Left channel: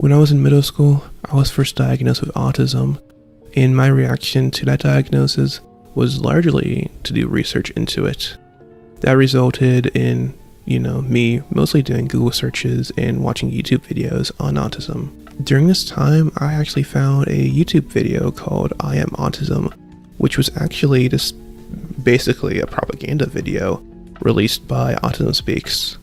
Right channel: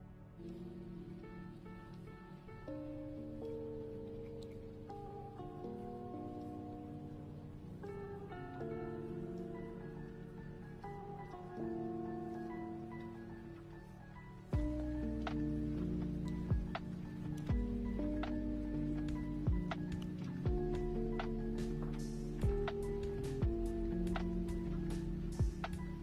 When I was in middle school, I was first diagnosed with autism, and my reaction to that diagnosis was largely to do research into it. That resulted in, me mostly doing Google searches and watching YouTube videos on autism. During this time, I actually found a YouTube video called I Am Autism, which was actually just basically a propaganda video released by Autism Speaks.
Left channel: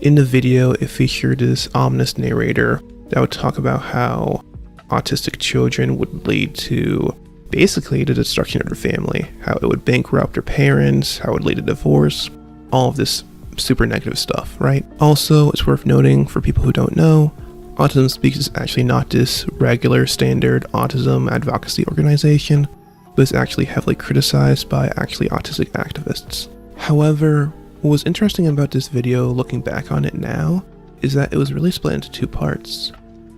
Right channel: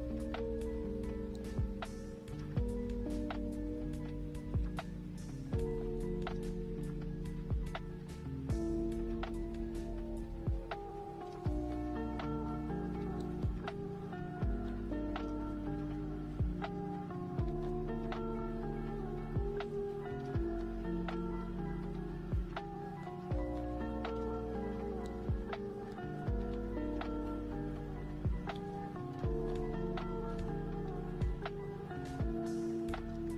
In the video, it featured this ominous narrator that would talk about how autistic children would lead to basically the destruction of their family, how it would bankrupt their parents, how it would lead to divorce, all of this super negative stuff, right? Also, it's worth noting for people who don't know, Autism Speaks is actually not this regular standard autism advocacy organization, but it's actually heavily criticized by actually autistic activists. However, what was interesting about this video looking back on it now is that it was really split into two parts.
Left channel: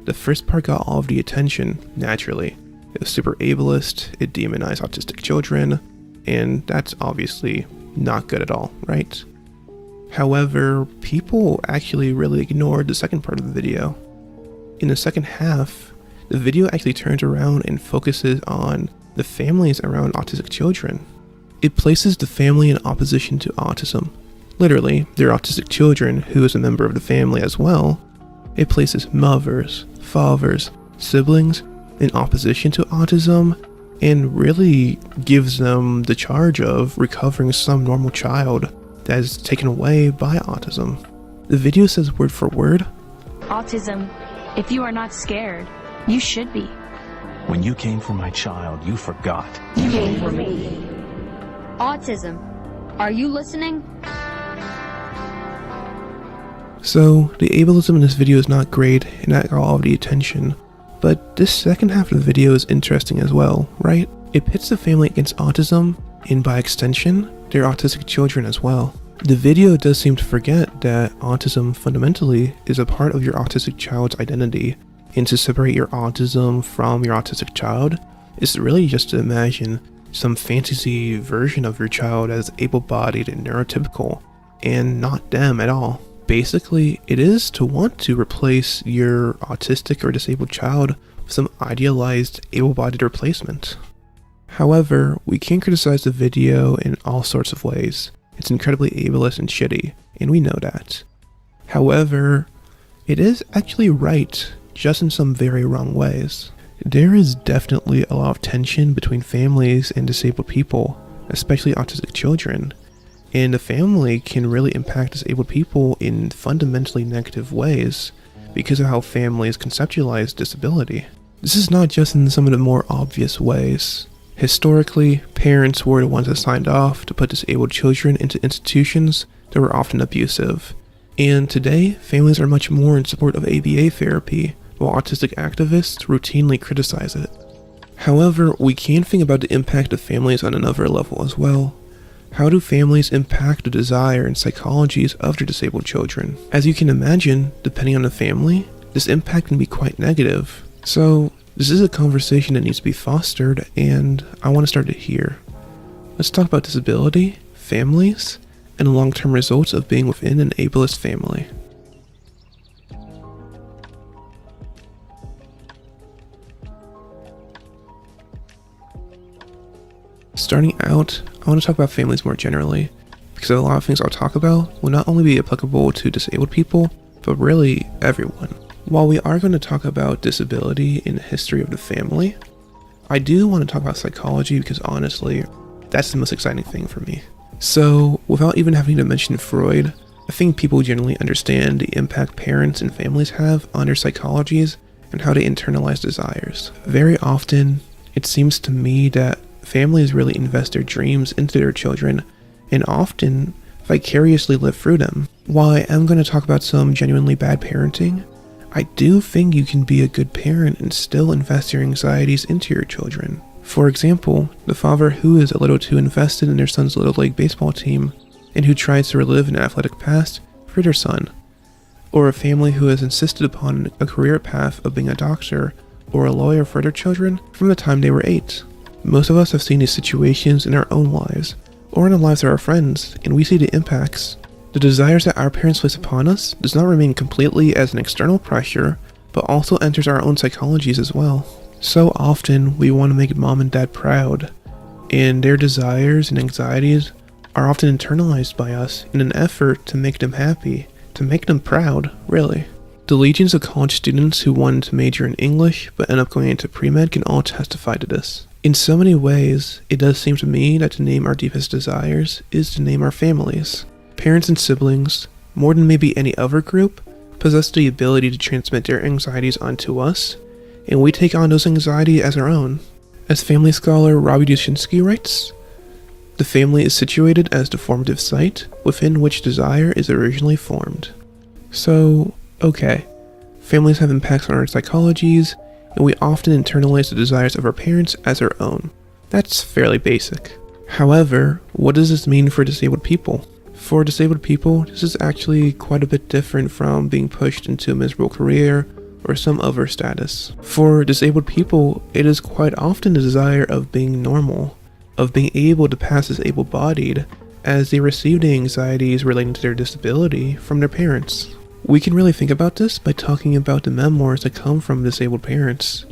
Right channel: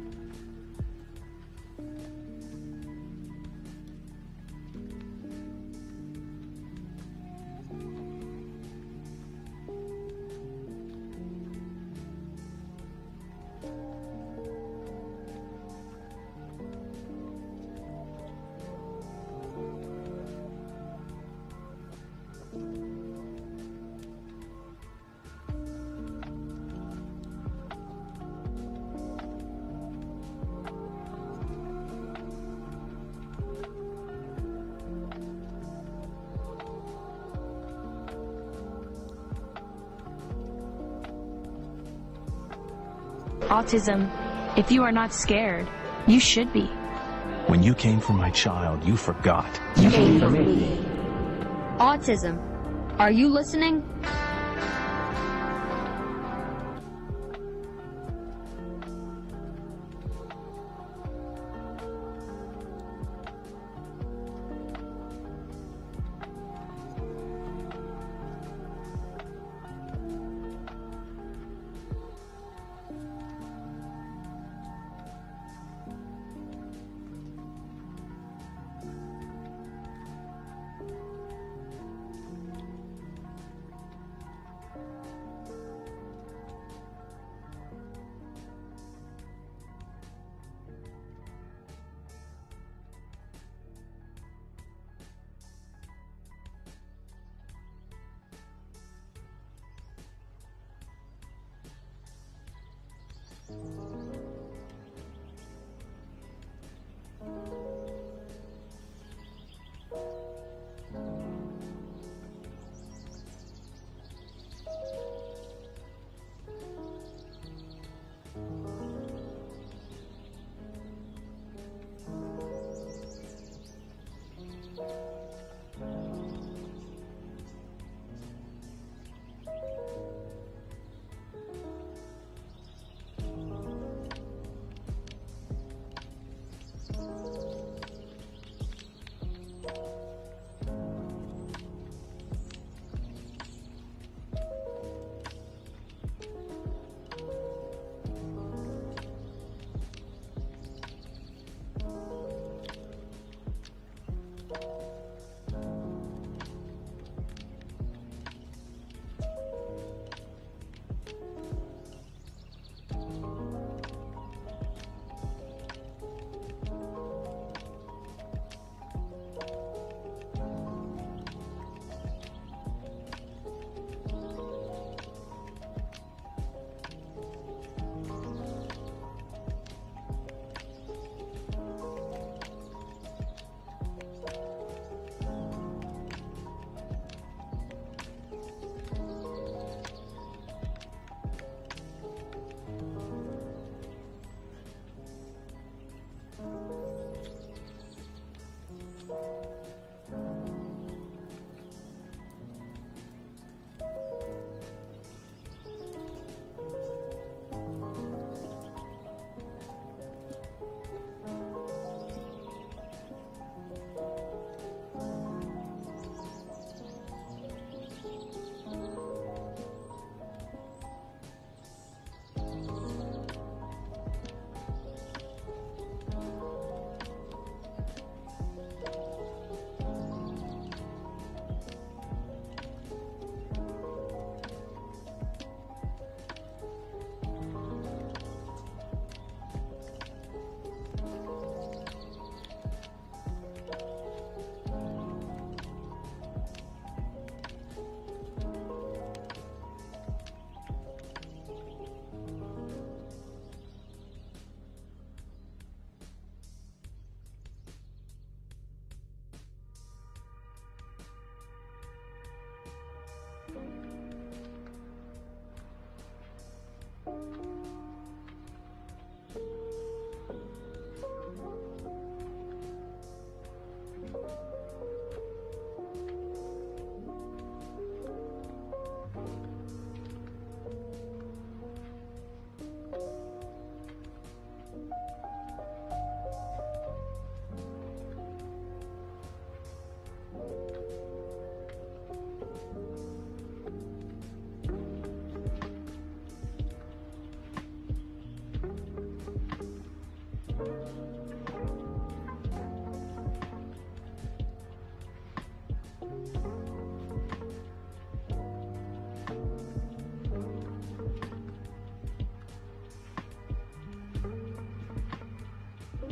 The first part got all of the attention, naturally. It was super ableist, it demonized autistic children, and that's obviously not good at all, right? However, people actually really ignored the second part of the video. In the second half, the video actually turns around and focuses on the families around autistic children. It places the family in opposition to autism. Literally, their autistic children, who is a member of the family as well. It places mothers, fathers, siblings in opposition to autism, and really gives them the charge of recovering some normal child that is taken away by autism. The video says word for word, "Autism, if you are not scared, you should be. When you came for my child, you forgot. You came for me. Autism, are you listening?" So, the ableism in this video is not great, and that got all of the attention. But this second half of the video is interesting as well, right? It pits the family against autism, and by extension, their autistic children as well. The video does seem to forget that autism fundamentally is a part of your autistic child's identity, and to separate your autism from your autistic child is really just to imagine some fantasy version of your child as able-bodied and neurotypical, and not them at all. Basically, it is to want to replace your autistic or disabled child with some idealized able-bodied replacement. However, we can criticize the video in all sorts of ways. It's incredibly ableist and shitty, and we know that. However, it is actually right, just in some very wrong ways. There is definitely a lot of tension between families and disabled people, especially autistic children. And the family can really impact disabled people in fundamentally negative ways because of how families conceptualize disability. This is not just in some of the more obvious ways. Historically, parents were the ones that signed off to put disabled children into institutions that were often abusive. And today, families are much more in support of ABA therapy, while autistic activists routinely criticize it. However, we can think about the impact of families on another level as well. How do families impact the desire and psychologies of their disabled children? As you can imagine, depending on the family, this impact can be quite negative. So, this is a conversation that needs to be fostered, and I want to start it here. Let's talk about disability, families, and the long-term results of being within an ableist family. Starting out, I want to talk about families more generally, because a lot of things I'll talk about will not only be applicable to disabled people, but really everyone. While we are going to talk about disability in the history of the family, I do want to talk about psychology because honestly, that's the most exciting thing for me. So, without even having to mention Freud, I think people generally understand the impact parents and families have on their psychologies and how they internalize desires. Very often, it seems to me that families really invest their dreams into their children and often vicariously live through them. While I am going to talk about some genuinely bad parenting, I do think you can be a good parent and still invest your anxieties into your children. For example, the father who is a little too invested in their son's little league baseball team and who tries to relive an athletic past for their son. Or a family who has insisted upon a career path of being a doctor or a lawyer for their children from the time they were 8. Most of us have seen these situations in our own lives, or in the lives of our friends, and we see the impacts. The desires that our parents place upon us does not remain completely as an external pressure, but also enters our own psychologies as well. So often we want to make mom and dad proud, and their desires and anxieties are often internalized by us in an effort to make them happy, to make them proud, really. The legions of college students who wanted to major in English but end up going into pre-med can all testify to this. In so many ways, it does seem to me that to name our deepest desires is to name our families. Parents and siblings, more than maybe any other group, possess the ability to transmit their anxieties onto us, and we take on those anxieties as our own. As family scholar Robbie Dushinsky writes, the family is situated as the formative site within which desire is originally formed. So, okay, families have impacts on our psychologies, and we often internalize the desires of our parents as our own. That's fairly basic. However, what does this mean for disabled people? For disabled people, this is actually quite a bit different from being pushed into a miserable career or some other status. For disabled people, it is quite often the desire of being normal, of being able to pass as able-bodied, as they receive the anxieties relating to their disability from their parents. We can really think about this by talking about the memoirs that come from disabled parents.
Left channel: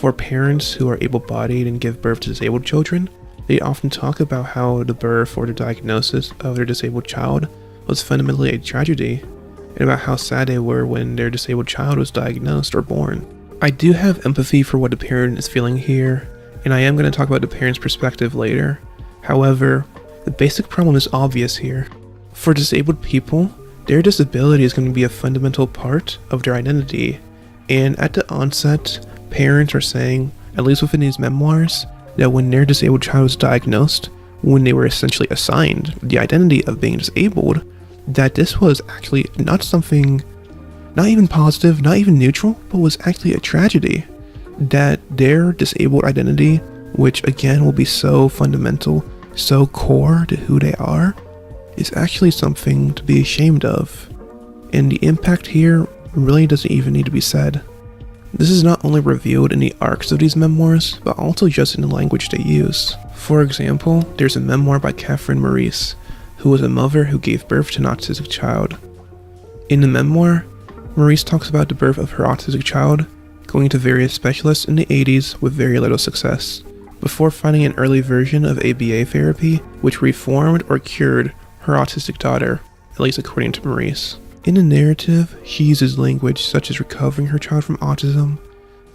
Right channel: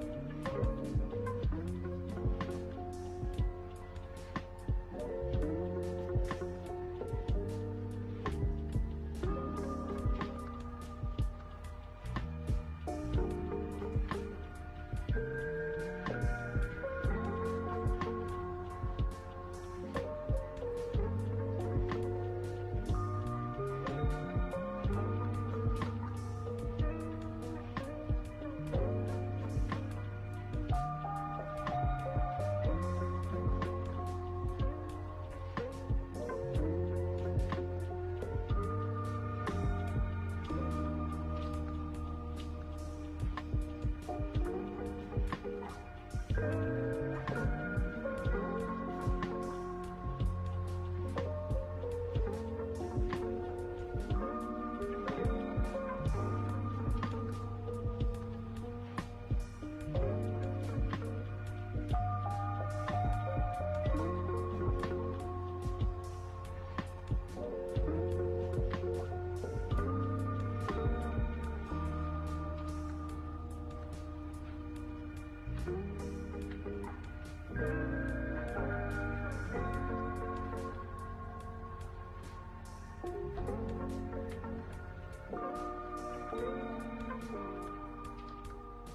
For parents who are able-bodied and give birth to disabled children, they often talk about how the birth or the diagnosis of their disabled child was fundamentally a tragedy, and about how sad they were when their disabled child was diagnosed or born. I do have empathy for what the parent is feeling here, and I am going to talk about the parent's perspective later. However, the basic problem is obvious here. For disabled people, their disability is going to be a fundamental part of their identity, and at the onset, parents are saying, at least within these memoirs, that when their disabled child was diagnosed, when they were essentially assigned the identity of being disabled, that this was actually not something, not even positive, not even neutral, but was actually a tragedy. That their disabled identity, which again will be so fundamental, so core to who they are, is actually something to be ashamed of. And the impact here really doesn't even need to be said. This is not only revealed in the arcs of these memoirs, but also just in the language they use. For example, there's a memoir by Catherine Maurice, who was a mother who gave birth to an autistic child. In the memoir, Maurice talks about the birth of her autistic child, going to various specialists in the 80s with very little success, before finding an early version of ABA therapy which reformed or cured her autistic daughter, at least according to Maurice. In the narrative, she uses language such as recovering her child from autism,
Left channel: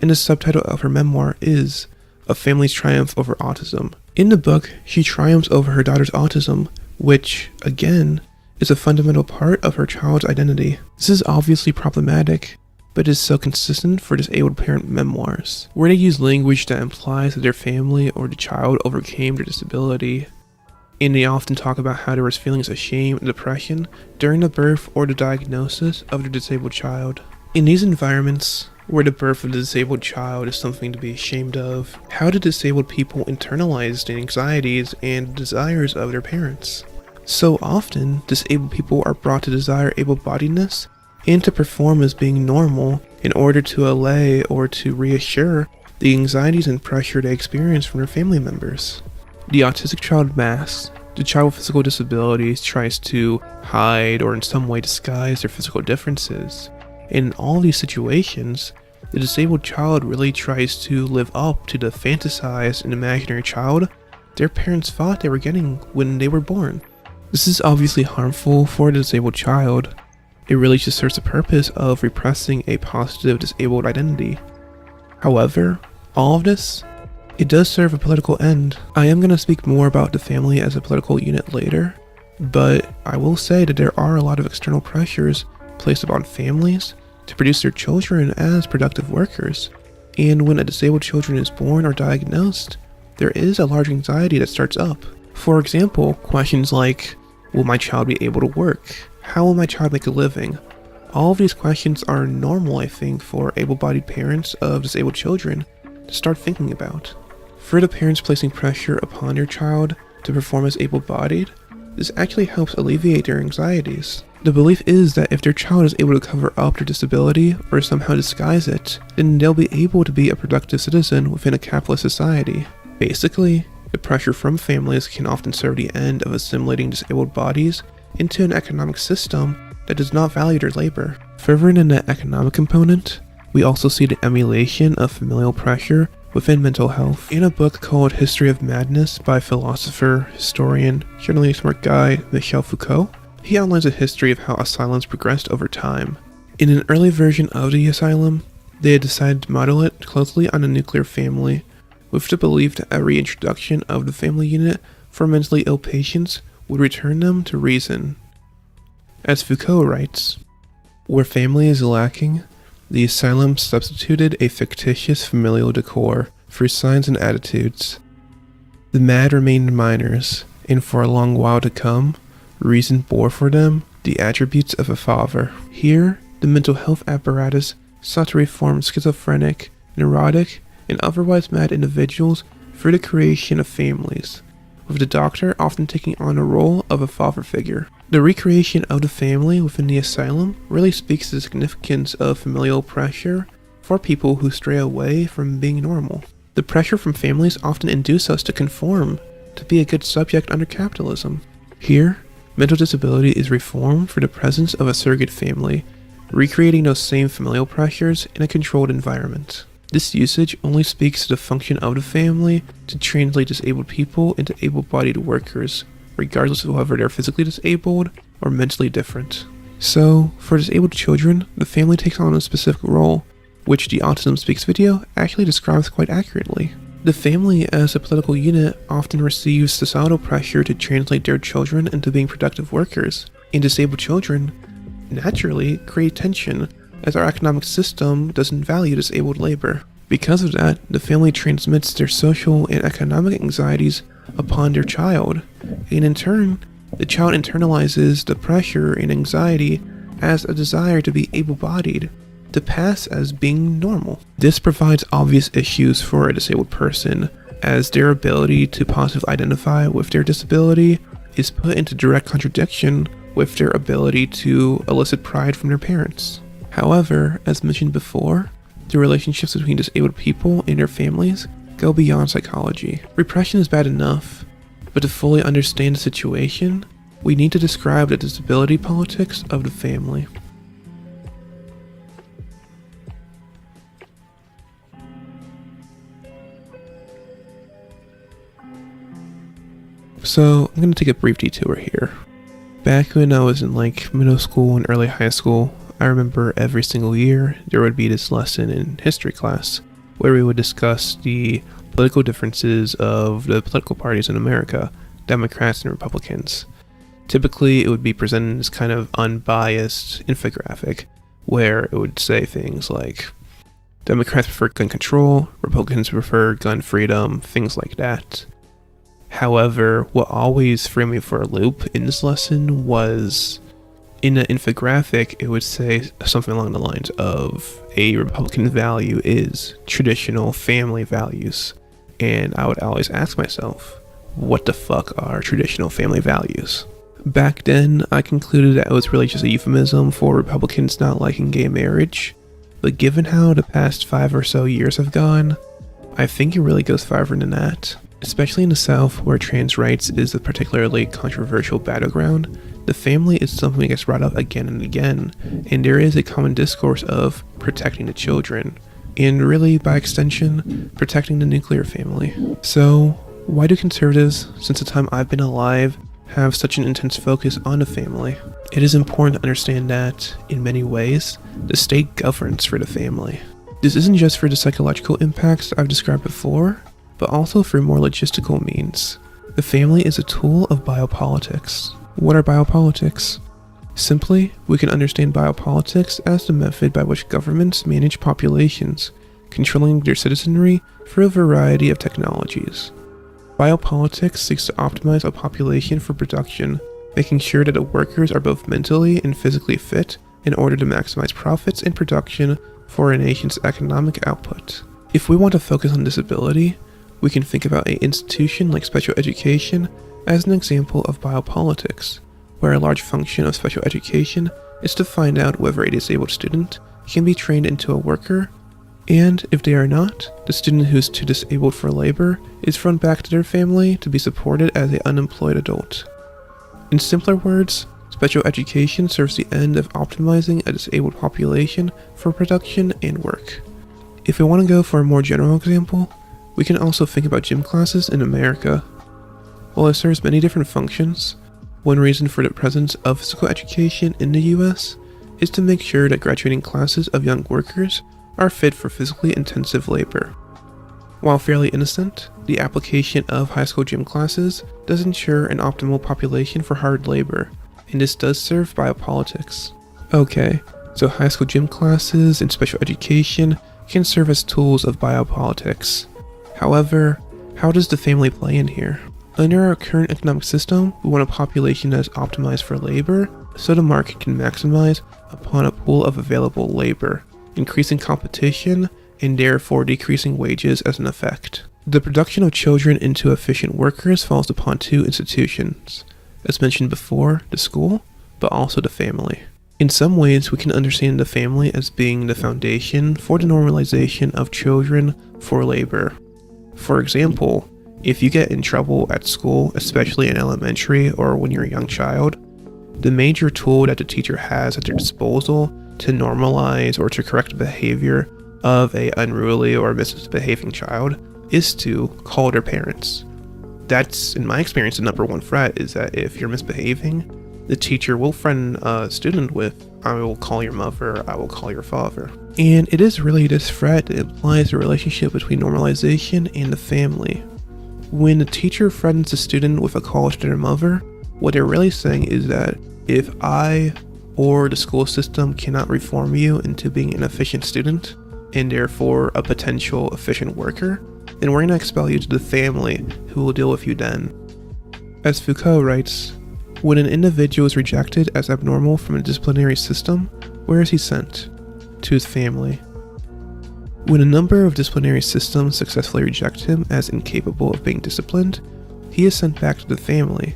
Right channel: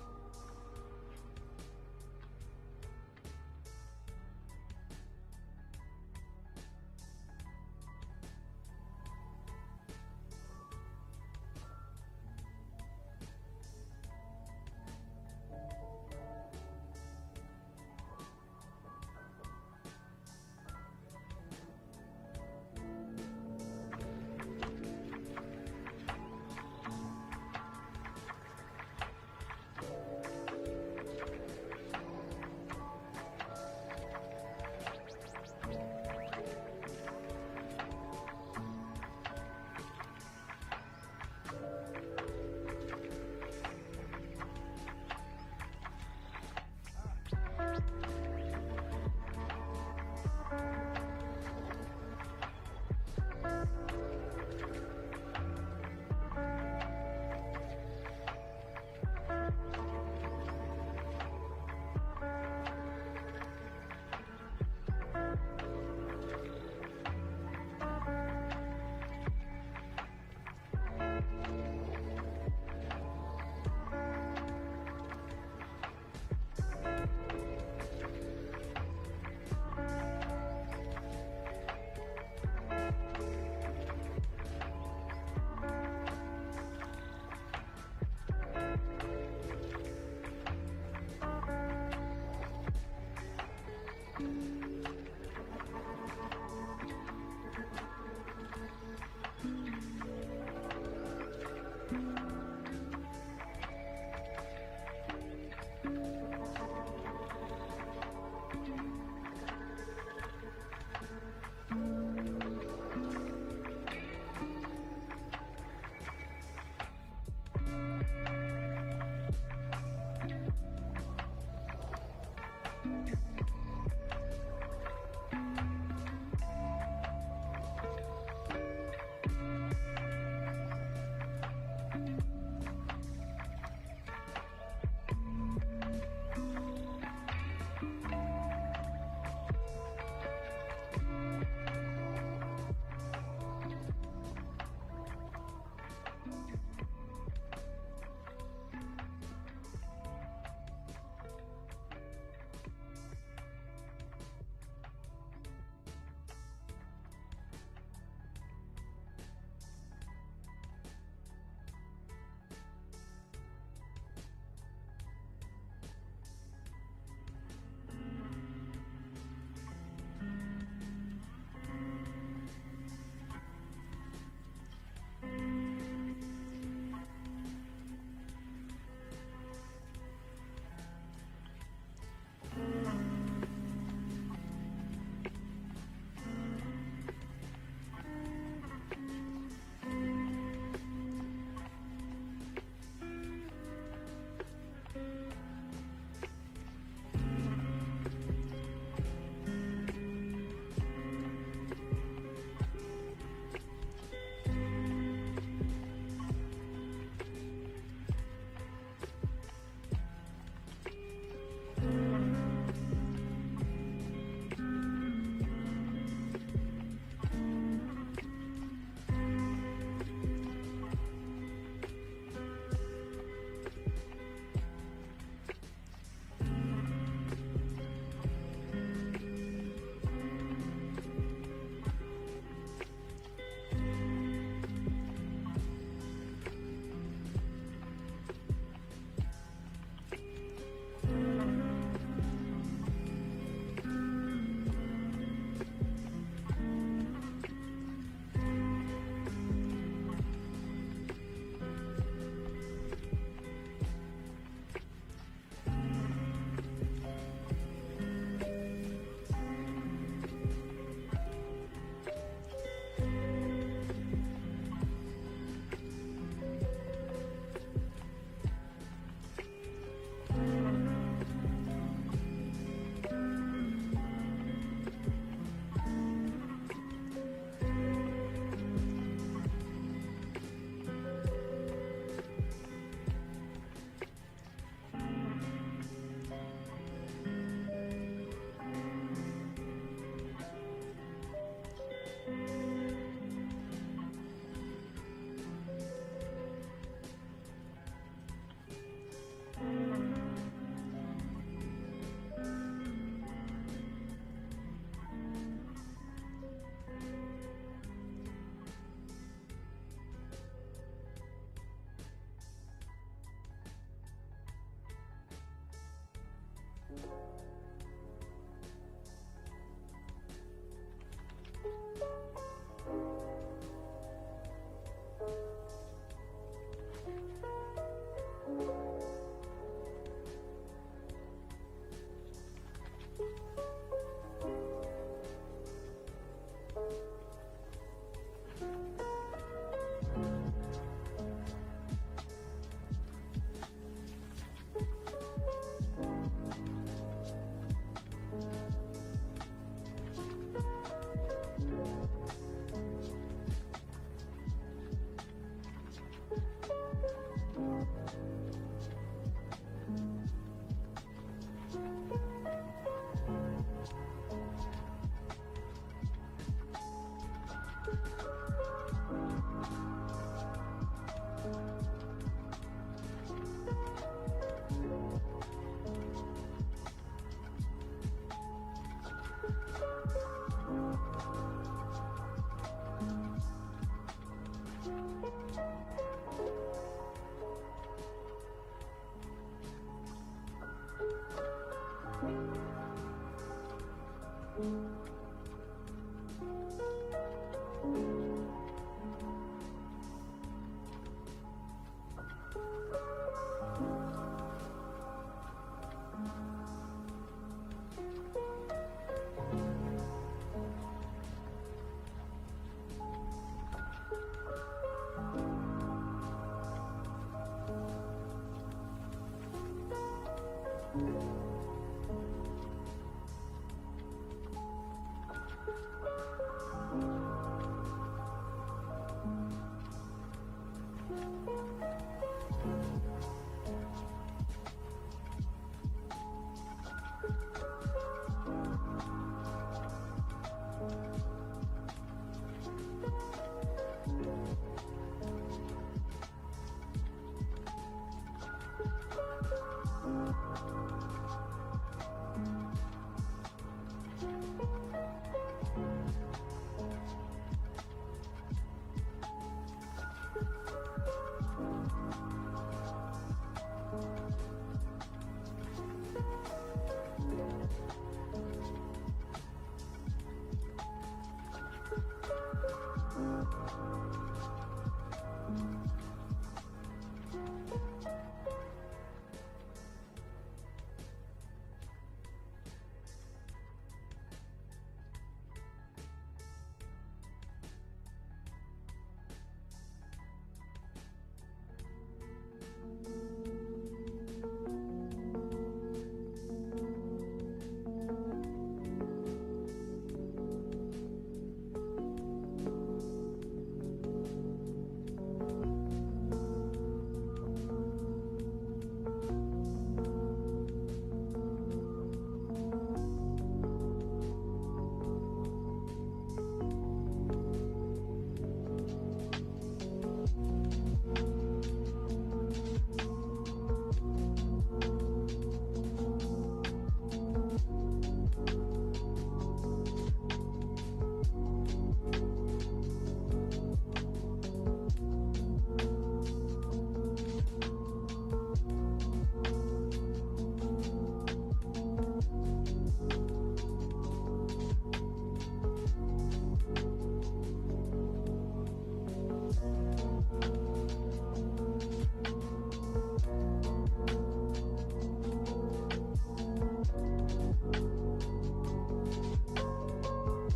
and the subtitle of her memoir is A Family's Triumph Over Autism. In the book, she triumphs over her daughter's autism, which, again, is a fundamental part of her child's identity. This is obviously problematic, but is so consistent for disabled parent memoirs, where they use language that implies that their family or the child overcame their disability, and they often talk about how there was feelings of shame and depression during the birth or the diagnosis of their disabled child. In these environments, where the birth of the disabled child is something to be ashamed of, how do disabled people internalize the anxieties and desires of their parents? So often, disabled people are brought to desire able-bodiedness and to perform as being normal in order to allay or to reassure the anxieties and pressure they experience from their family members. The autistic child masks. The child with physical disabilities tries to hide or in some way disguise their physical differences. In all these situations, the disabled child really tries to live up to the fantasized and imaginary child their parents thought they were getting when they were born. This is obviously harmful for the disabled child. It really just serves the purpose of repressing a positive disabled identity. However, all of this, it does serve a political end. I am going to speak more about the family as a political unit later, but I will say that there are a lot of external pressures placed upon families to produce their children as productive workers. And when a disabled child is born or diagnosed, there is a large anxiety that starts up. For example, questions like, will my child be able to work? How will my child make a living? All of these questions are normal, I think, for able-bodied parents of disabled children to start thinking about. For the parents placing pressure upon their child to perform as able-bodied, this actually helps alleviate their anxieties. The belief is that if their child is able to cover up their disability or somehow disguise it, then they'll be able to be a productive citizen within a capitalist society. Basically, the pressure from families can often serve the end of assimilating disabled bodies into an economic system that does not value their labor. Further than the economic component, We also see the emulation of familial pressure within mental health. In a book called History of Madness by philosopher, historian, generally smart guy Michel Foucault, he outlines a history of how asylums progressed over time. In an early version of the asylum, they had decided to model it closely on a nuclear family, with the belief that every introduction of the family unit for mentally ill patients would return them to reason. As Foucault writes, where family is lacking, the asylum substituted a fictitious familial decor for signs and attitudes. The mad remained minors, and for a long while to come, reason bore for them the attributes of a father. Here, the mental health apparatus sought to reform schizophrenic, neurotic, and otherwise mad individuals through the creation of families, with the doctor often taking on a role of a father figure. The recreation of the family within the asylum really speaks to the significance of familial pressure for people who stray away from being normal. The pressure from families often induce us to conform, to be a good subject under capitalism. Here, mental disability is reformed for the presence of a surrogate family, recreating those same familial pressures in a controlled environment. This usage only speaks to the function of the family to translate disabled people into able-bodied workers, regardless of whether they're physically disabled or mentally different. So, for disabled children, the family takes on a specific role, which the Autism Speaks video actually describes quite accurately. The family as a political unit often receives societal pressure to translate their children into being productive workers, and disabled children naturally create tension as our economic system doesn't value disabled labor. Because of that, the family transmits their social and economic anxieties upon their child, and in turn, the child internalizes the pressure and anxiety as a desire to be able-bodied, to pass as being normal. This provides obvious issues for a disabled person, as their ability to positively identify with their disability is put into direct contradiction with their ability to elicit pride from their parents. However, as mentioned before, the relationships between disabled people and their families go beyond psychology. Repression is bad enough, but to fully understand the situation, we need to describe the disability politics of the family. So, I'm going to take a brief detour here. Back when I was in middle school and early high school, I remember every single year there would be this lesson in history class where we would discuss the political differences of the political parties in America, Democrats and Republicans. Typically, it would be presented as kind of unbiased infographic where it would say things like Democrats prefer gun control, Republicans prefer gun freedom, things like that. However, what always threw me for a loop in this lesson was, in an infographic, it would say something along the lines of a Republican value is traditional family values. And I would always ask myself, what the fuck are traditional family values? Back then, I concluded that it was really just a euphemism for Republicans not liking gay marriage. But given how the past 5 or so years have gone, I think it really goes farther than that. Especially in the South, where trans rights is a particularly controversial battleground, the family is something that gets brought up again and again, and there is a common discourse of protecting the children, and really, by extension, protecting the nuclear family. So, why do conservatives, since the time I've been alive, have such an intense focus on the family? It is important to understand that, in many ways, the state governs for the family. This isn't just for the psychological impacts I've described before, but also for more logistical means. The family is a tool of biopolitics. What are biopolitics? Simply, we can understand biopolitics as the method by which governments manage populations, controlling their citizenry through a variety of technologies. Biopolitics seeks to optimize a population for production, making sure that the workers are both mentally and physically fit in order to maximize profits and production for a nation's economic output. If we want to focus on disability, we can think about an institution like special education as an example of biopolitics, where a large function of special education is to find out whether a disabled student can be trained into a worker, and if they are not, the student who's too disabled for labor is thrown back to their family to be supported as an unemployed adult. In simpler words, Special education serves the end of optimizing a disabled population for production and work. If we want to go for a more general example, we can also think about gym classes in America. While it serves many different functions, one reason for the presence of physical education in the US is to make sure that graduating classes of young workers are fit for physically intensive labor. While fairly innocent, the application of high school gym classes does ensure an optimal population for hard labor, and this does serve biopolitics. Okay, so high school gym classes and special education can serve as tools of biopolitics. However, how does the family play in here? Under our current economic system, we want a population that is optimized for labor, so the market can maximize upon a pool of available labor, increasing competition and therefore decreasing wages as an effect. The production of children into efficient workers falls upon two institutions, as mentioned before, the school, but also the family. In some ways, we can understand the family as being the foundation for the normalization of children for labor. For example, if you get in trouble at school, especially in elementary or when you're a young child, the major tool that the teacher has at their disposal to normalize or to correct the behavior of a unruly or misbehaving child is to call their parents. That's, in my experience, the number one threat is that if you're misbehaving, the teacher will threaten a student with, I will call your mother, I will call your father. And it is really this threat that implies the relationship between normalization and the family. When the teacher threatens a student with a call to their mother, what they're really saying is that if I or the school system cannot reform you into being an efficient student, and therefore a potential efficient worker, then we're going to expel you to the family who will deal with you then. As Foucault writes, when an individual is rejected as abnormal from a disciplinary system, where is he sent? To his family. When a number of disciplinary systems successfully reject him as incapable of being disciplined, he is sent back to the family,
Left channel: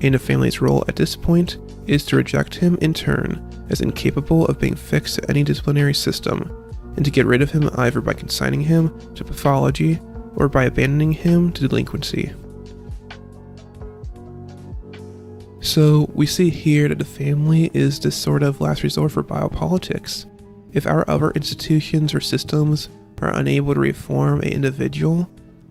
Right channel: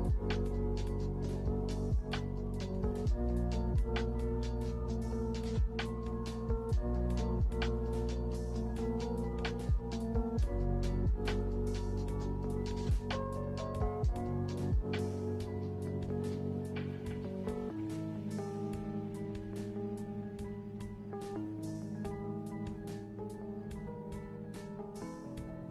and the family's role at this point is to reject him in turn as incapable of being fixed to any disciplinary system, and to get rid of him either by consigning him to pathology or by abandoning him to delinquency. So we see here that the family is this sort of last resort for biopolitics. If our other institutions or systems are unable to reform an individual,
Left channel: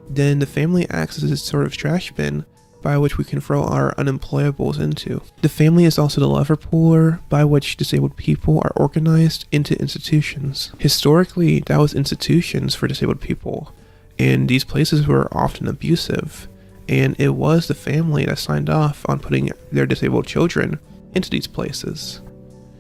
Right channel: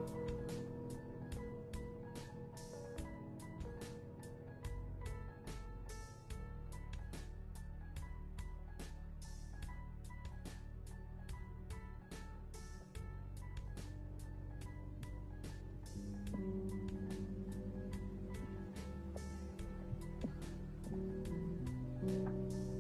then the family acts as this sort of trash bin by which we can throw our unemployables into. The family is also the lever puller by which disabled people are organized into institutions. Historically, that was institutions for disabled people, and these places were often abusive, and it was the family that signed off on putting their disabled children into these places.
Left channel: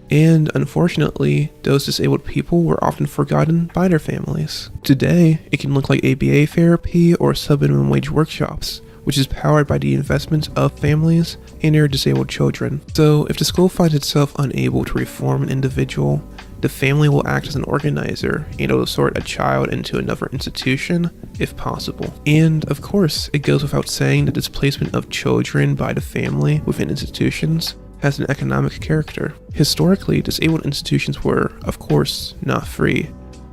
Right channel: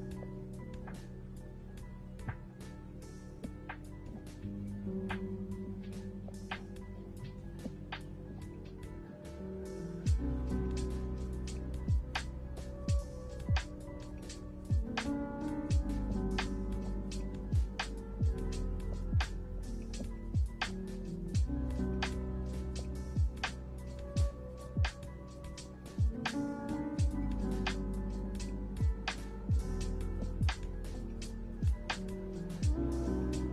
And unfortunately, those disabled people were often forgotten by their families. Today, it can look like ABA therapy or sub-minimum wage workshops, which is powered by the investments of families and their disabled children. So if the school finds itself unable to reform an individual, the family will act as an organizer and it will sort a child into another institution if possible. And of course, it goes without saying that displacement of children by the family within institutions has an economic character. Historically, disabled institutions were, of course, not free,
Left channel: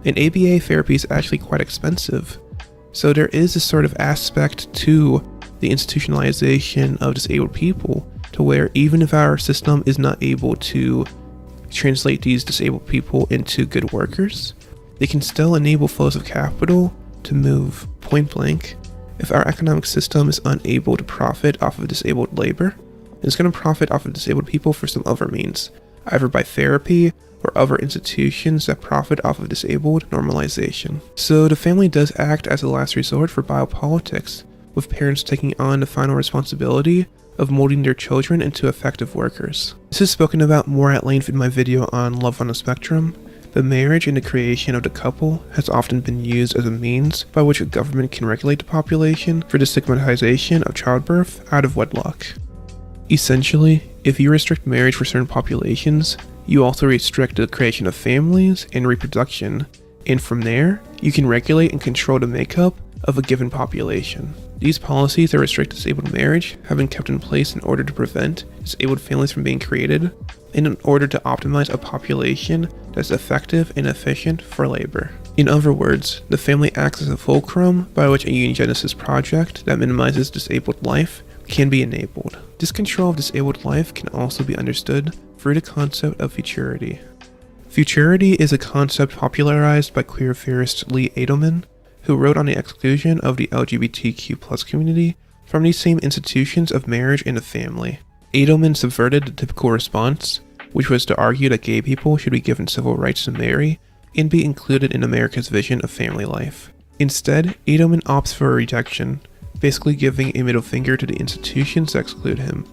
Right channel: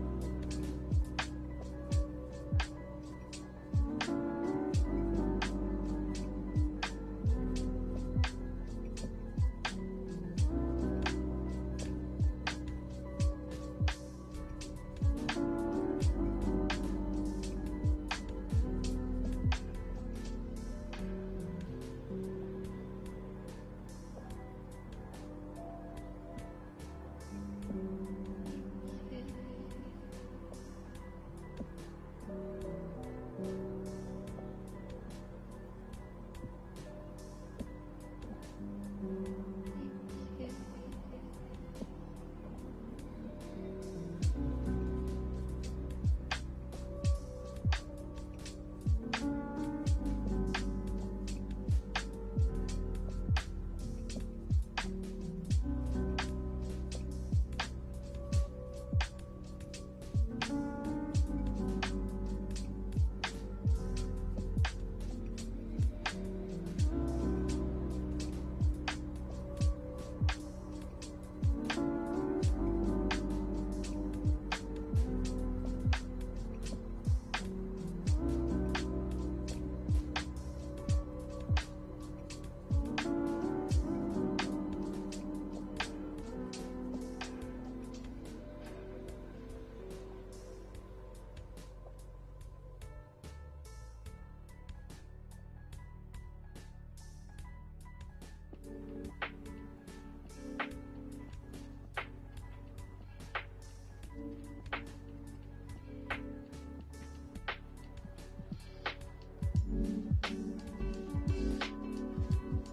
and ABA therapy is actually quite expensive. So there is this sort of aspect to the institutionalization of disabled people to where even if our system is not able to translate these disabled people into good workers, they can still enable flows of capital to move. Point blank, if our economic system is unable to profit off of disabled labor, it's going to profit off of disabled people for some other means, either by therapy or other institutions that profit off of disabled normalization. So the family does act as a last resort for biopolitics, with parents taking on the final responsibility of molding their children into effective workers. This is spoken about more at length in my video on Love on the Spectrum. The marriage and the creation of the couple has often been used as a means by which a government can regulate the population for the stigmatization of childbirth out of wedlock. Essentially, if you restrict marriage for certain populations, you also restrict the creation of families and reproduction, and from there, you can regulate and control the makeup of a given population. These policies that restrict disabled marriage have been kept in place in order to prevent disabled families from being created, and in order to optimize a population that is effective and efficient for labor. In other words, the family acts as a fulcrum by which a eugenicist project that minimizes disabled life can be enabled. This control of disabled life can also be understood through the concept of futurity. Futurity is a concept popularized by queer theorist Lee Edelman, who wrote on the exclusion of the LGBTQ+ community from these same institutions of marriage and the family. Edelman subverted the typical response, which was to argue that gay people should be given civil rights to marry and be included in America's vision of family life. Instead, Edelman opts for a rejection, basically giving a middle finger to the institutions that exclude him.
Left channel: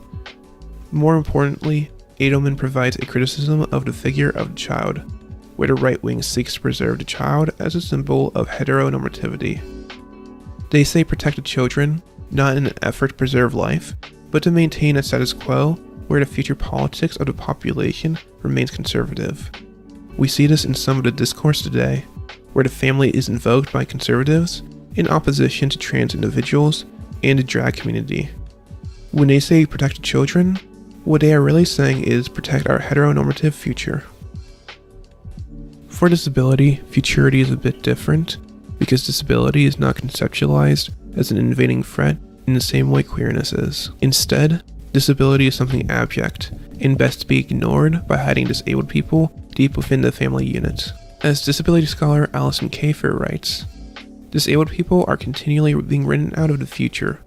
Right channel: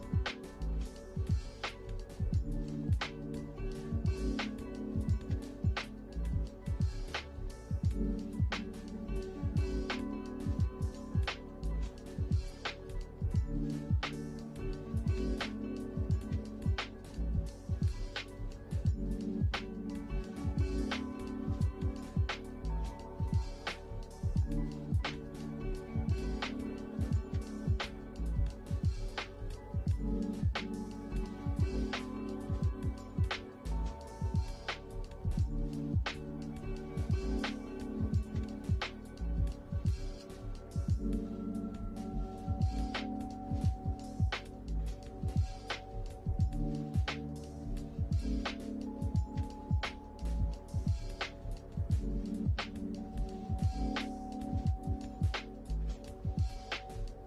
More importantly, Edelman provides a criticism of the figure of the child, where the right wing seeks to preserve the child as a symbol of heteronormativity. They say protect the children, not in an effort to preserve life, but to maintain a status quo where the future politics of the population remains conservative. We see this in some of the discourse today, where the family is invoked by conservatives in opposition to trans individuals and the drag community. When they say protect the children, what they are really saying is protect our heteronormative future. For disability, futurity is a bit different, because disability is not conceptualized as an invading threat in the same way queerness is. Instead, disability is something abject, and best to be ignored by hiding disabled people deep within the family unit. As disability scholar Alison Kafer writes, disabled people are continually being written out of the future,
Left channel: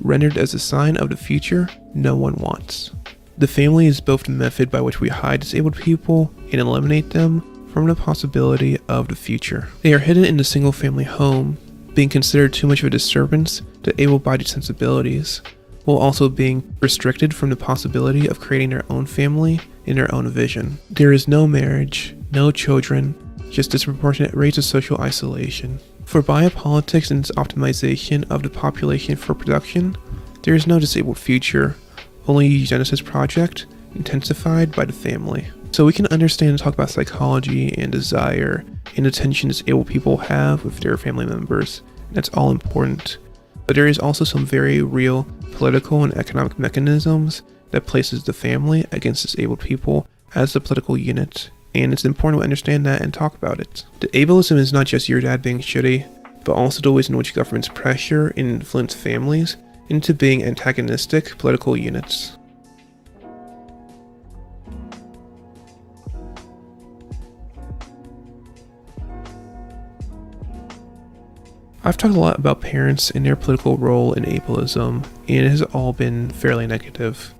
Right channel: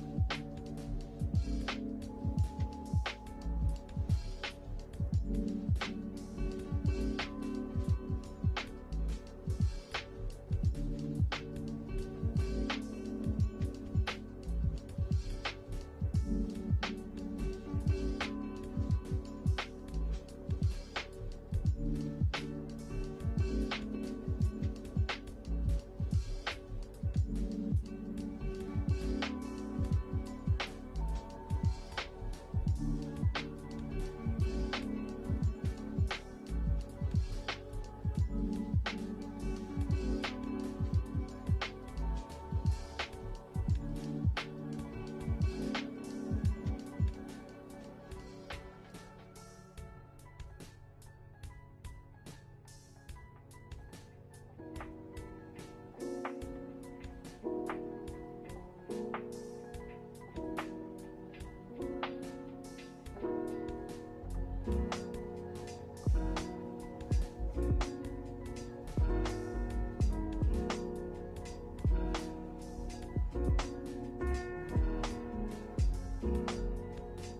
rendered as a sign of the future no one wants. The family is both the method by which we hide disabled people and eliminate them from the possibility of the future. They are hidden in the single-family home, being considered too much of a disturbance to able-bodied sensibilities, while also being restricted from the possibility of creating their own family in their own vision. There is no marriage, no children, just disproportionate rates of social isolation. For biopolitics and its optimization of the population for production, there is no disabled future, only a eugenicist project intensified by the family. So we can understand and talk about psychology and desire and the tension disabled people have with their family members. That's all important. But there is also some very real political and economic mechanisms that places the family against disabled people as the political unit, and it's important to understand that and talk about it. The ableism is not just your dad being shitty, but also the ways in which governments pressure and influence families into being antagonistic political units. I've talked a lot about parents and their political role in ableism, and it has all been fairly negative.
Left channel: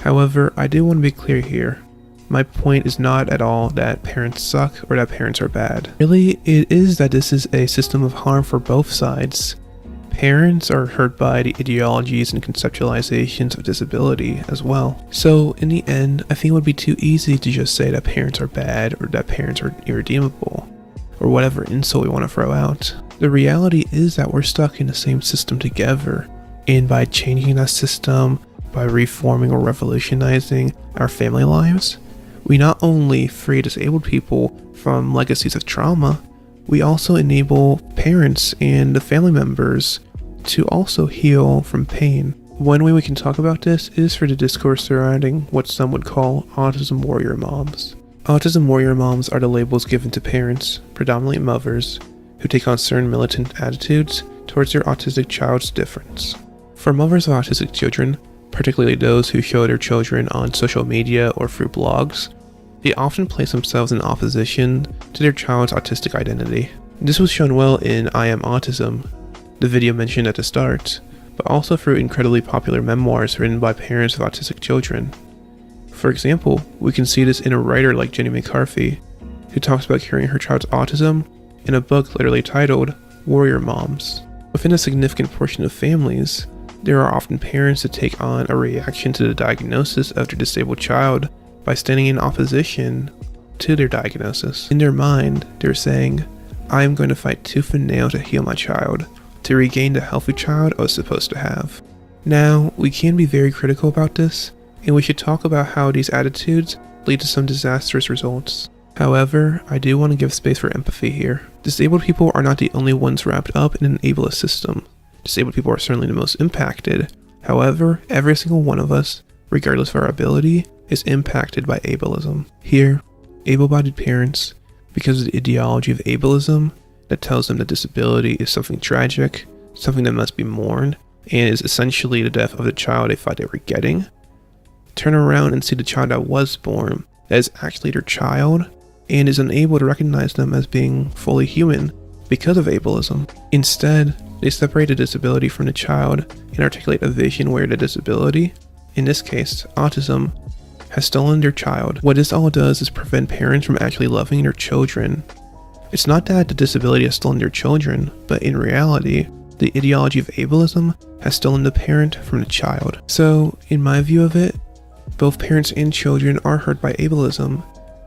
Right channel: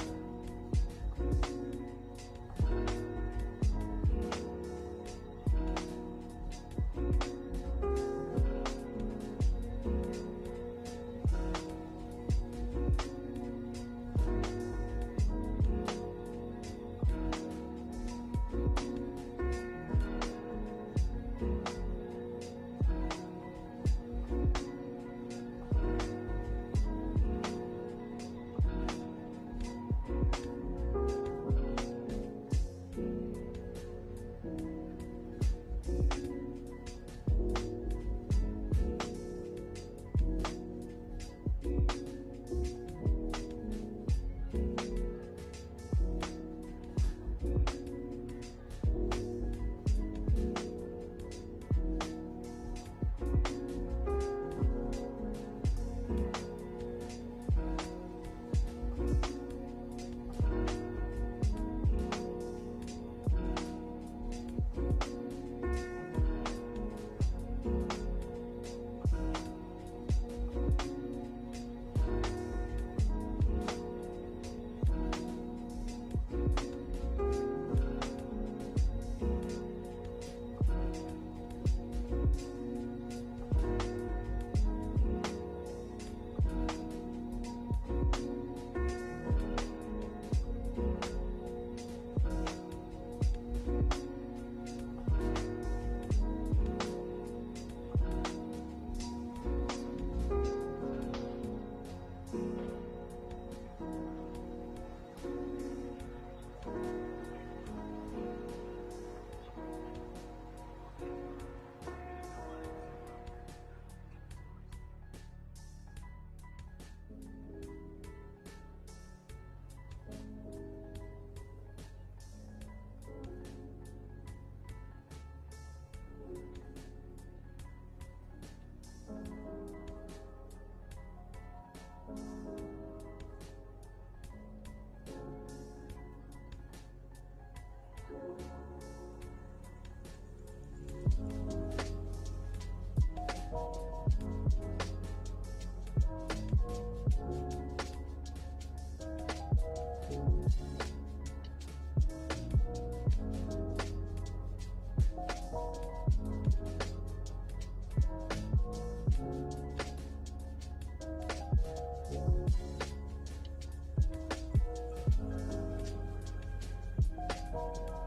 However, I do want to be clear here. My point is not at all that parents suck or that parents are bad. Really, it is that this is a system of harm for both sides. Parents are hurt by the ideologies and conceptualizations of disability as well. So in the end, I think it would be too easy to just say that parents are bad or that parents are irredeemable, or whatever insult we want to throw out. The reality is that we're stuck in the same system together, and by changing that system, by reforming or revolutionizing our family lives, we not only free disabled people from legacies of trauma, we also enable parents and the family members to also heal from pain. One way we can talk about this is through the discourse surrounding what some would call autism warrior moms. Autism warrior moms are the labels given to parents, predominantly mothers, who take on certain militant attitudes towards their autistic child's difference. For mothers of autistic children, particularly those who show their children on social media or through blogs, they often place themselves in opposition to their child's autistic identity. This was shown well in I Am Autism, the video mentioned at the start, but also through incredibly popular memoirs written by parents of autistic children. For example, we can see this in a writer like Jenny McCarthy, who talks about curing her child's autism in a book literally titled Warrior Moms. Within a significant portion of families, there are often parents that take on a reaction to the diagnosis of their disabled child by standing in opposition to their diagnosis. In their mind, they're saying, I am going to fight tooth and nail to heal my child, to regain the healthy child I was supposed to have. Now, we can be very critical about this, and we should talk about how these attitudes lead to some disastrous results. However, I do want to give space for empathy here. Disabled people are not the only ones wrapped up in an ableist system. Disabled people are certainly the most impacted. However, every single one of us, regardless of our ability, is impacted by ableism. Here, able-bodied parents, because of the ideology of ableism that tells them that disability is something tragic, something that must be mourned, and is essentially the death of the child they thought they were getting, turn around and see the child that was born that is actually their child and is unable to recognize them as being fully human because of ableism. Instead, they separate the disability from the child and articulate a vision where the disability, in this case autism, has stolen their child. What this all does is prevent parents from actually loving their children. It's not that the disability has stolen their children, but in reality, the ideology of ableism has stolen the parent from the child. So, in my view of it, both parents and children are hurt by ableism,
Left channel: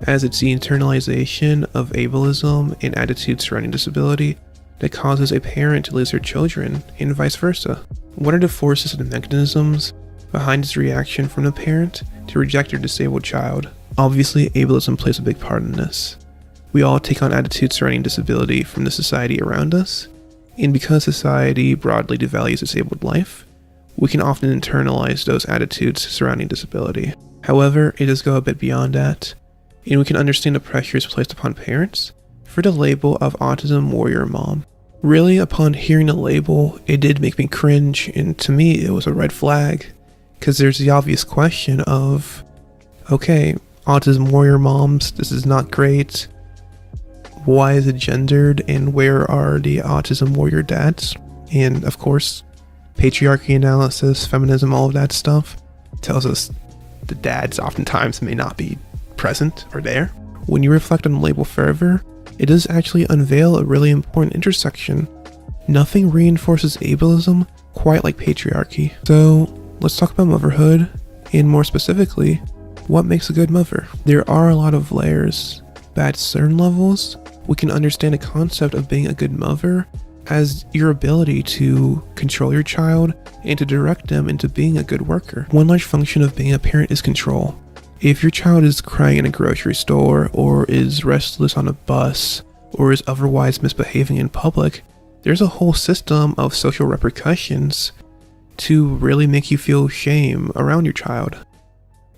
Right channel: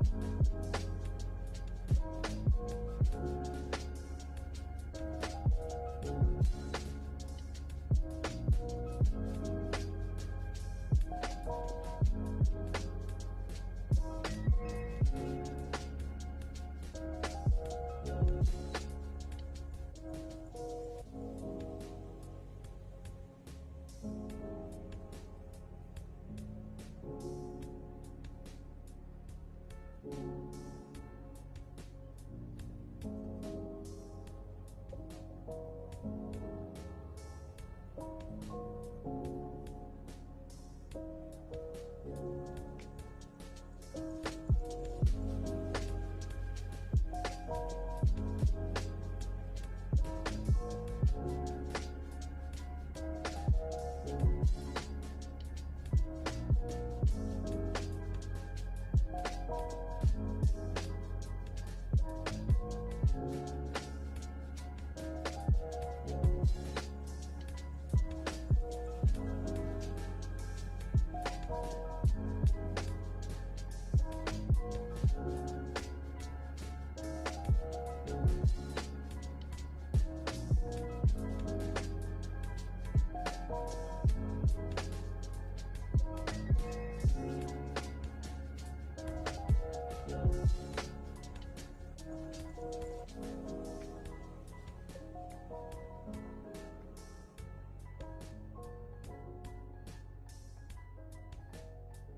as it's the internalization of ableism and attitudes surrounding disability that causes a parent to lose their children, and vice versa. What are the forces and mechanisms behind this reaction from the parent to reject their disabled child? Obviously, ableism plays a big part in this. We all take on attitudes surrounding disability from the society around us, and because society broadly devalues disabled life, we can often internalize those attitudes surrounding disability. However, it does go a bit beyond that, and we can understand the pressures placed upon parents for the label of autism warrior mom. Really, upon hearing the label, it did make me cringe, and to me it was a red flag, because there's the obvious question of, okay, autism warrior moms, this is not great. Why is it gendered, and where are the autism warrior dads? And of course, patriarchy analysis, feminism, all of that stuff tells us the dads oftentimes may not be present or there. When you reflect on the label further, it does actually unveil a really important intersection. Nothing reinforces ableism quite like patriarchy. So let's talk about motherhood, and more specifically, what makes a good mother? There are a lot of layers, but at certain levels, we can understand the concept of being a good mother as your ability to control your child and to direct them into being a good worker. One large function of being a parent is control. If your child is crying in a grocery store, or is restless on a bus, or is otherwise misbehaving in public, there's a whole system of social repercussions to really make you feel shame around your child.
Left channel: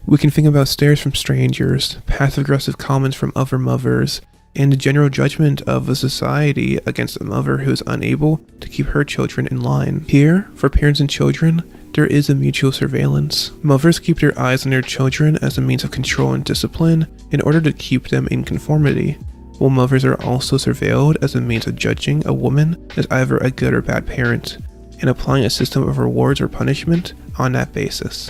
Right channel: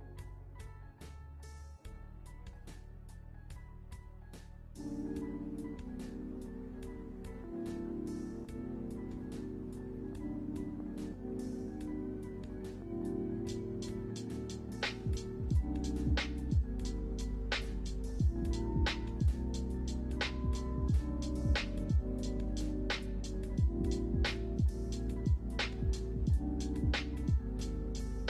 We can think about stares from strangers, passive-aggressive comments from other mothers, and the general judgment of a society against a mother who is unable to keep her children in line. Here, for parents and children, there is a mutual surveillance. Mothers keep their eyes on their children as a means of control and discipline in order to keep them in conformity, while mothers are also surveilled as a means of judging a woman as either a good or bad parent, and applying a system of rewards or punishment on that basis.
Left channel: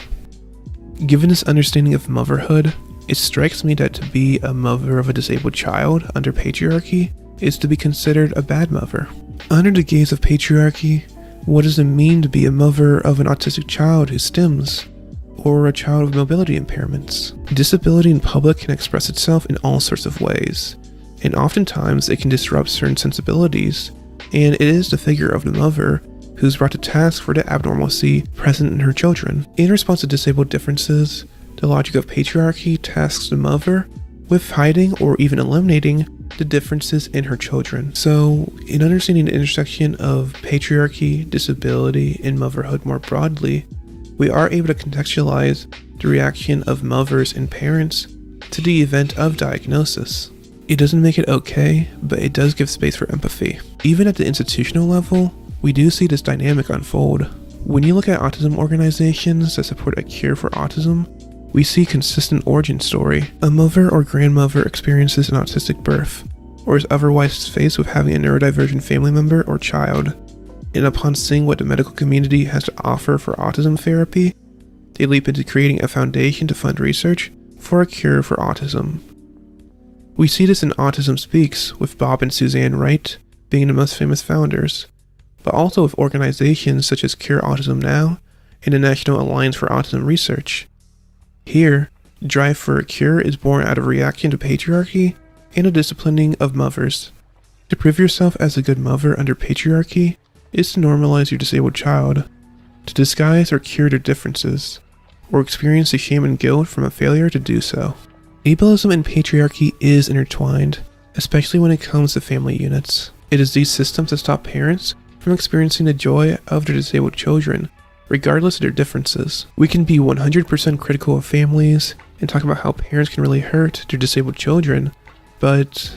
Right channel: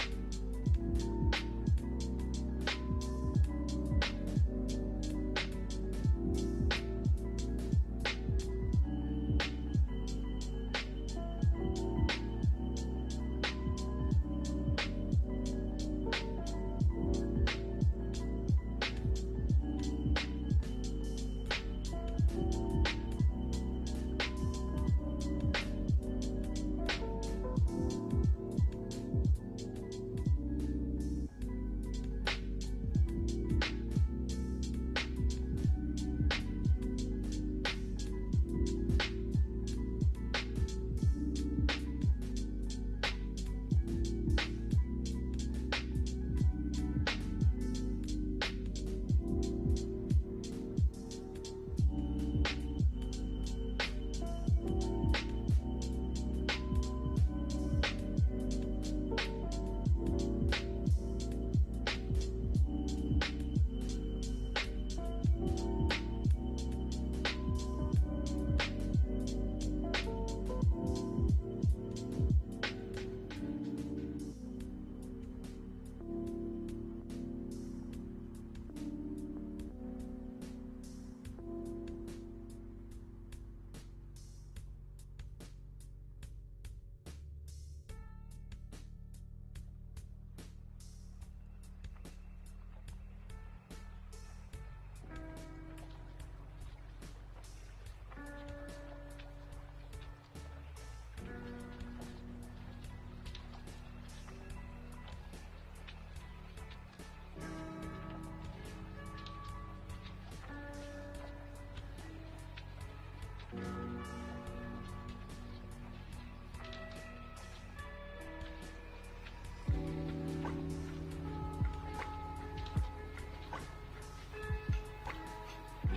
Given this understanding of motherhood, it strikes me that to be a mother of a disabled child under patriarchy is to be considered a bad mother. Under the gaze of patriarchy, what does it mean to be a mother of an autistic child who stims, or a child with mobility impairments? Disability in public can express itself in all sorts of ways, and oftentimes it can disrupt certain sensibilities, and it is the figure of the mother who's brought to task for the abnormalcy present in her children. In response to disabled differences, the logic of patriarchy tasks the mother with hiding or even eliminating the differences in her children. So, in understanding the intersection of patriarchy, disability, and motherhood more broadly, we are able to contextualize the reaction of mothers and parents to the event of diagnosis. It doesn't make it okay, but it does give space for empathy. Even at the institutional level, we do see this dynamic unfold. When you look at autism organizations that support a cure for autism, we see consistent origin story. A mother or grandmother experiences an autistic birth, or is otherwise faced with having a neurodivergent family member or child, and upon seeing what the medical community has to offer for autism therapy, they leap into creating a foundation to fund research for a cure for autism. We see this in Autism Speaks, with Bob and Suzanne Wright being the most famous founders, but also with organizations such as Cure Autism Now and the National Alliance for Autism Research. Here, the drive for a cure is born out of reaction to patriarchy and a disciplining of mothers. To prove yourself as a good mother under patriarchy is to normalize your disabled child, to disguise or cure their differences, or experience the shame and guilt from a failure to do so. Ableism and patriarchy is intertwined, especially when it comes to family units. It is these systems that stop parents from experiencing the joy of their disabled children, regardless of their differences. We can be 100% critical of families and talk about how parents can really hurt their disabled children, but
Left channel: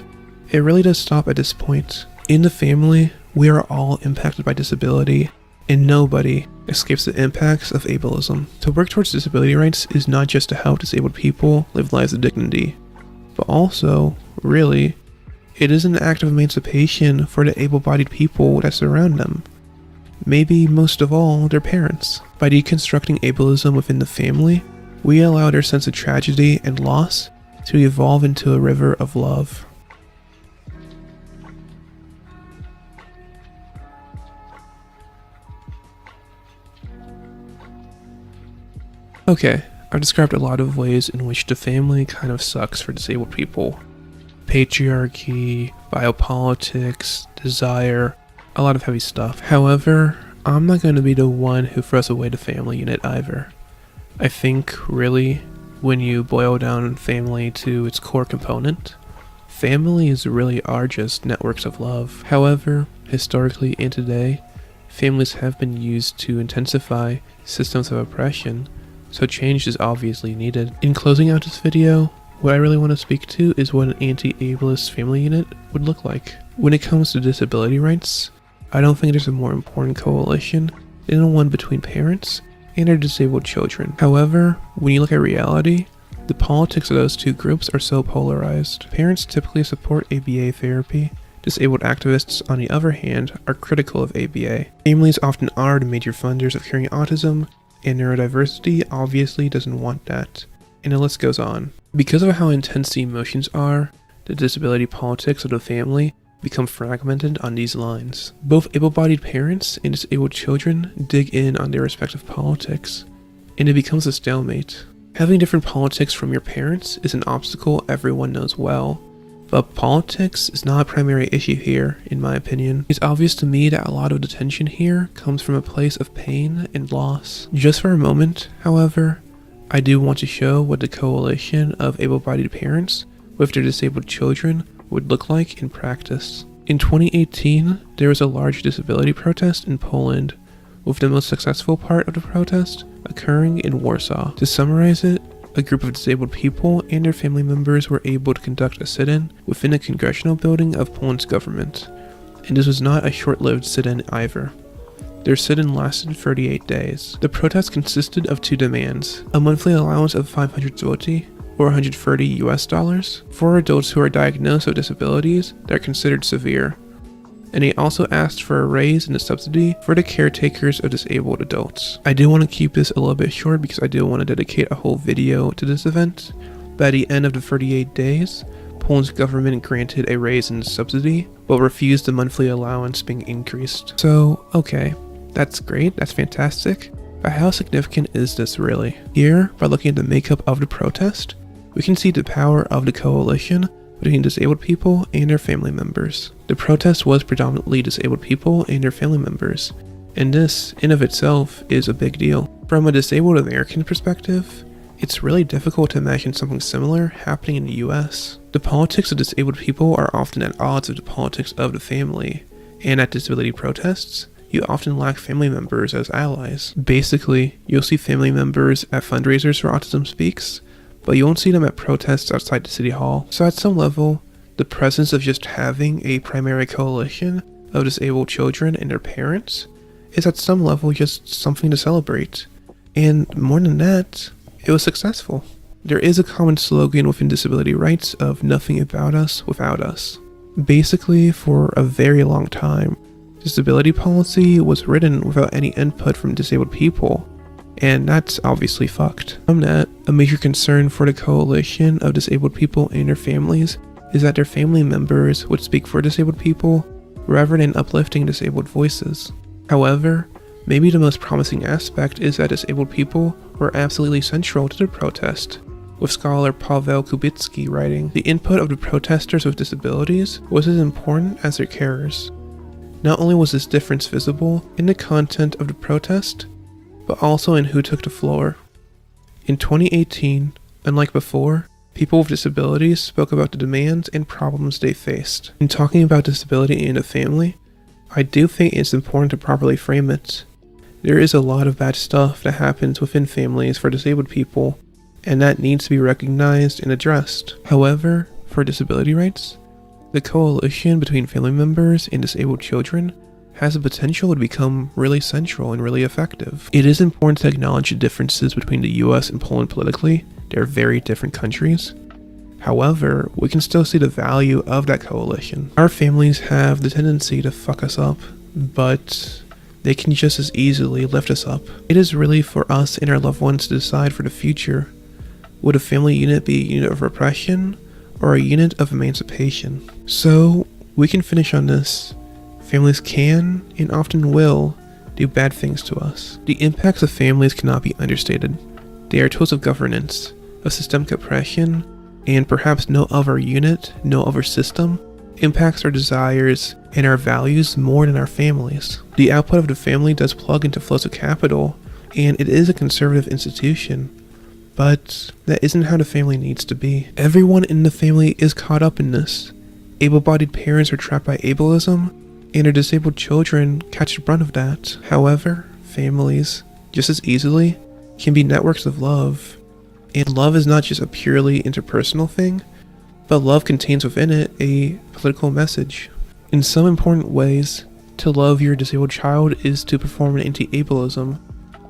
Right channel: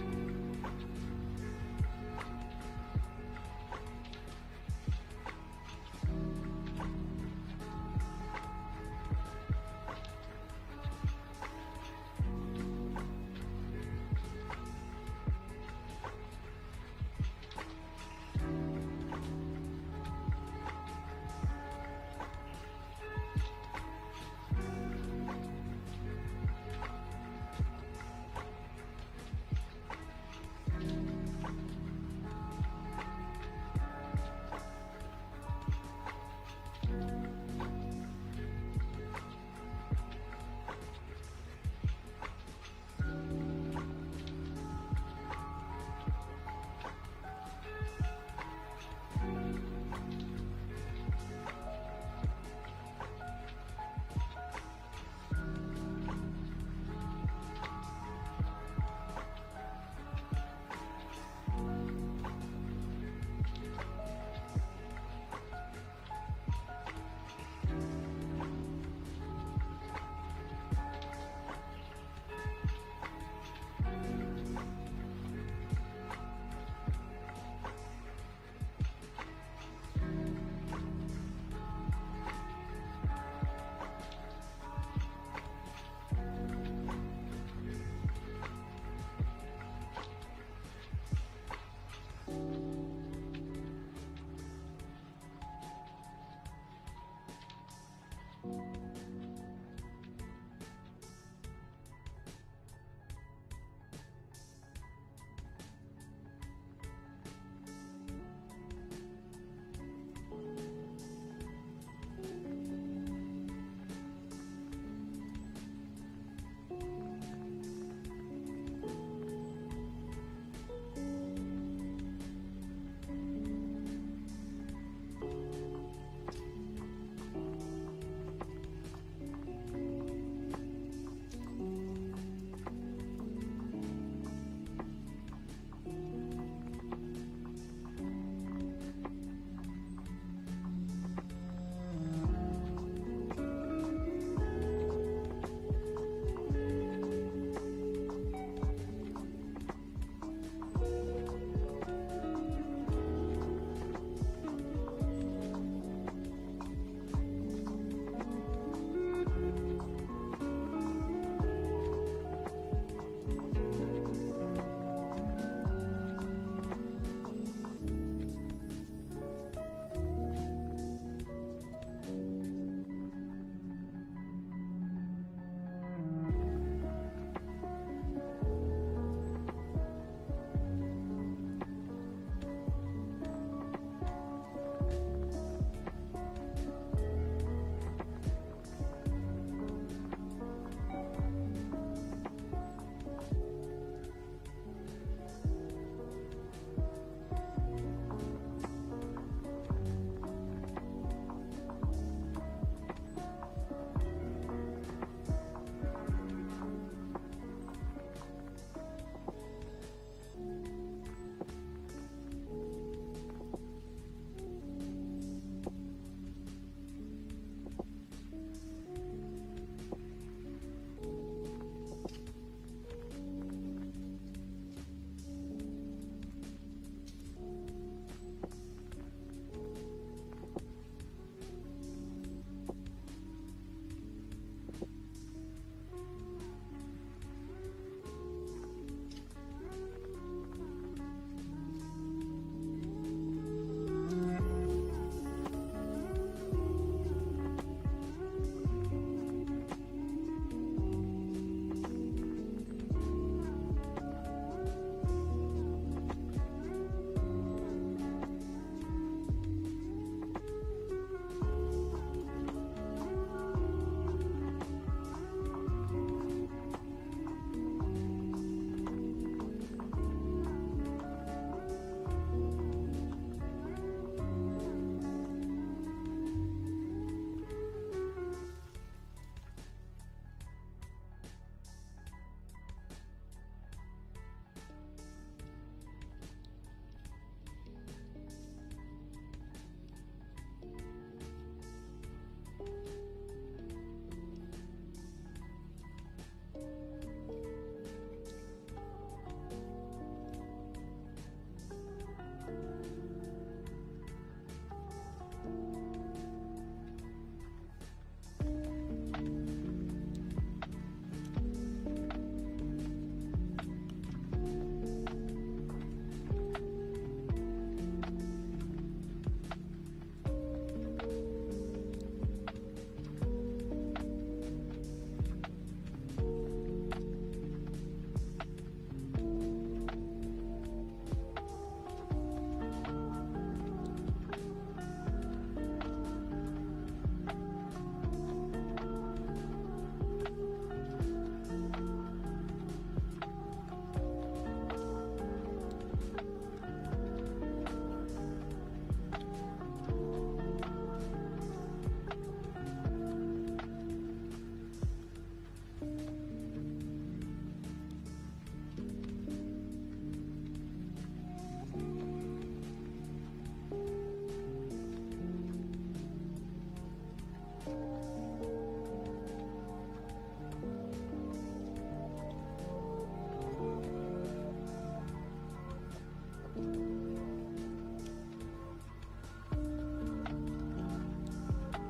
it really does stop at this point. In the family, we are all impacted by disability, and nobody escapes the impacts of ableism. To work towards disability rights is not just to help disabled people live lives of dignity, but also, really, it is an act of emancipation for the able-bodied people that surround them. Maybe most of all, their parents. By deconstructing ableism within the family, we allow their sense of tragedy and loss to evolve into a river of love. Okay, I've described a lot of ways in which the family kind of sucks for disabled people. Patriarchy, biopolitics, desire, a lot of heavy stuff. However, I'm not going to be the one who throws away the family unit either. I think, really, when you boil down family to its core component, families really are just networks of love. However, historically and today, families have been used to intensify systems of oppression, so change is obviously needed. In closing out this video, what I really want to speak to is what an anti-ableist family unit would look like. When it comes to disability rights, I don't think there's a more important coalition than the one between parents and their disabled children. However, when you look at reality, the politics of those two groups are so polarized. Parents typically support ABA therapy. Disabled activists, on the other hand, are critical of ABA. Families often are the major funders of curing autism, and neurodiversity obviously doesn't want that. And the list goes on. Because of how intense the emotions are, the disability politics of the family become fragmented on these lines. Both able-bodied parents and disabled children dig in on their respective politics, and it becomes a stalemate. Having different politics from your parents is an obstacle everyone knows well, but politics is not a primary issue here, in my opinion. It's obvious to me that a lot of the tension here comes from a place of pain and loss. Just for a moment, however, I do want to show what the coalition of able-bodied parents with their disabled children would look like in practice. In 2018, there was a large disability protest in Poland, with the most successful part of the protest occurring in Warsaw. To summarize it, a group of disabled people and their family members were able to conduct a sit-in within a congressional building of Poland's government, and this was not a short-lived sit-in either. Their sit-in lasted 38 days. The protest consisted of two demands: a monthly allowance of 500 zloty, or $130 for adults who are diagnosed with disabilities that are considered severe, and they also asked for a raise in the subsidy for the caretakers of disabled adults. I do want to keep this a little bit short because I do want to dedicate a whole video to this event. By the end of the 38 days, Poland's government granted a raise in the subsidy, but refused the monthly allowance being increased. So, okay, that's great, that's fantastic, but how significant is this really? Here, by looking at the makeup of the protest, we can see the power of the coalition between disabled people and their family members. The protest was predominantly disabled people and their family members, and this, in of itself, is a big deal. From a disabled American perspective, it's really difficult to imagine something similar happening in the US. The politics of disabled people are often at odds with the politics of the family, and at disability protests, you often lack family members as allies. Basically, you'll see family members at fundraisers for Autism Speaks, but you won't see them at protests outside the city hall. So at some level, the presence of just having a primary coalition of disabled children and their parents is at some level just something to celebrate. And more than that, it was successful. There is a common slogan within disability rights of nothing about us without us. Basically, for a very long time, disability policy was written without any input from disabled people, and that's obviously fucked. From that, a major concern for the coalition of disabled people and their families is that their family members would speak for disabled people rather than uplifting disabled voices. However, maybe the most promising aspect is that disabled people were absolutely central to the protest, with scholar Paweł Kubicki writing, "The input of the protesters with disabilities was as important as their carers." Not only was this difference visible in the content of the protest, but also in who took the floor. In 2018, unlike before, people with disabilities spoke about the demands and problems they faced. In talking about disability in a family, I do think it's important to properly frame it. There is a lot of bad stuff that happens within families for disabled people, and that needs to be recognized and addressed. However, for disability rights, the coalition between family members and disabled children has the potential to become really central and really effective. It is important to acknowledge the differences between the US and Poland politically. They're very different countries. However, we can still see the value of that coalition. Our families have the tendency to fuck us up, but they can just as easily lift us up. It is really for us and our loved ones to decide for the future. Would a family unit be a unit of repression or a unit of emancipation? So we can finish on this. Families can and often will do bad things to us. The impacts of families cannot be understated. They are tools of governance, of systemic oppression, and perhaps no other unit, no other system impacts our desires and our values more than our families. The output of the family does plug into flows of capital, and it is a conservative institution, but that isn't how the family needs to be. Everyone in the family is caught up in this. Able-bodied parents are trapped by ableism, and their disabled children catch the brunt of that. However, families, just as easily, can be networks of love. And love is not just a purely interpersonal thing, but love contains within it a political message. In some important ways, to love your disabled child is to perform an anti-ableism,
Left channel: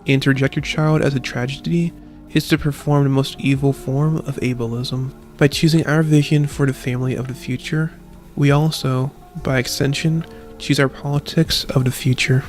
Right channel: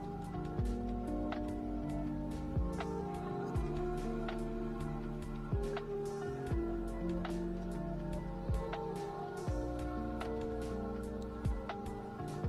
and to reject your child as a tragedy is to perform the most evil form of ableism. By choosing our vision for the family of the future, we also, by extension, choose our politics of the future.